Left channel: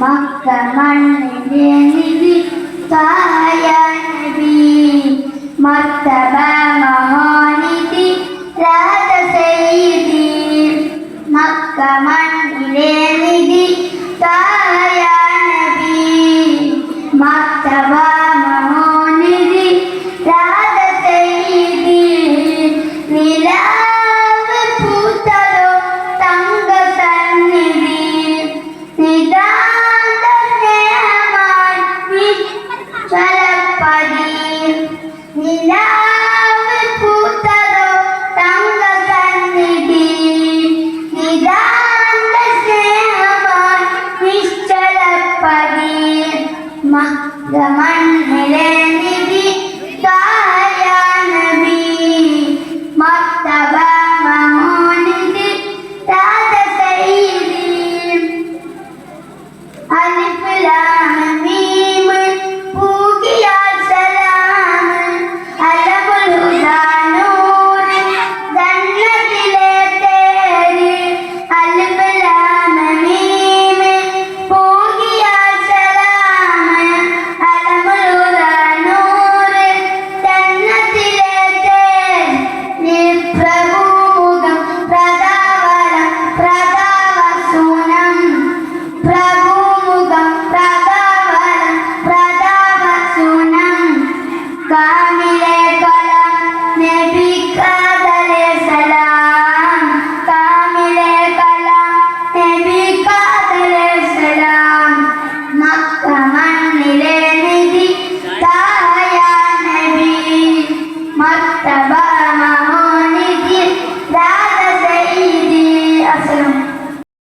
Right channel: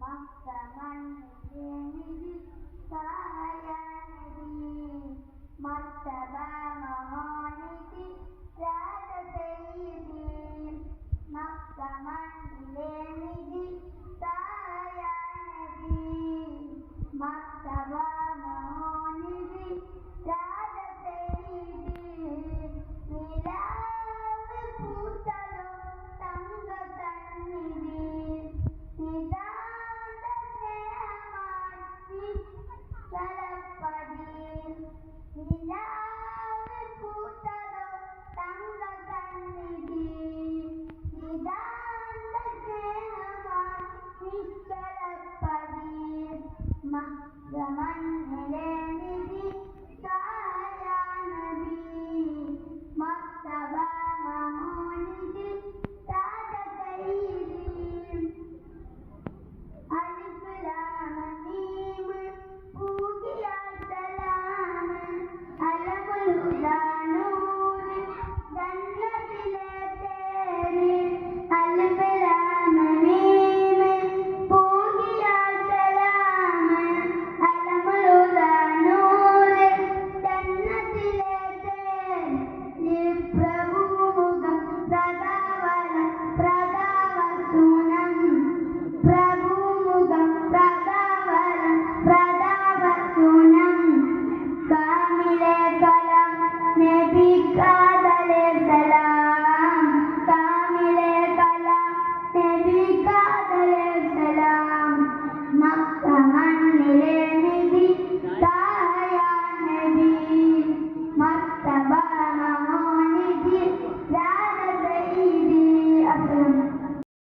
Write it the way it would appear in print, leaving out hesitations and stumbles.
Mecca മണ്ണിന്റെ നിധി തായ നബി മർത്തബ മഹാനിധി രാജ സയ്യിദി മക്ക മണ്ണിലെ നിധി തായ നബി മർത്തബ മഹാനിധി രാജ സയ്യിദി നിലാവ് പൂത്തതോ തങ്ക സന്നിധി നിതാന്ത സ്നേഹമായി നിശ്ചലപ്പതി നിലാവ് പൂത്തതോ തങ്ക സന്നിധി നിതാന്ത സ്നേഹമായി നിശ്ചലപ്പതി മഹ്ഗമ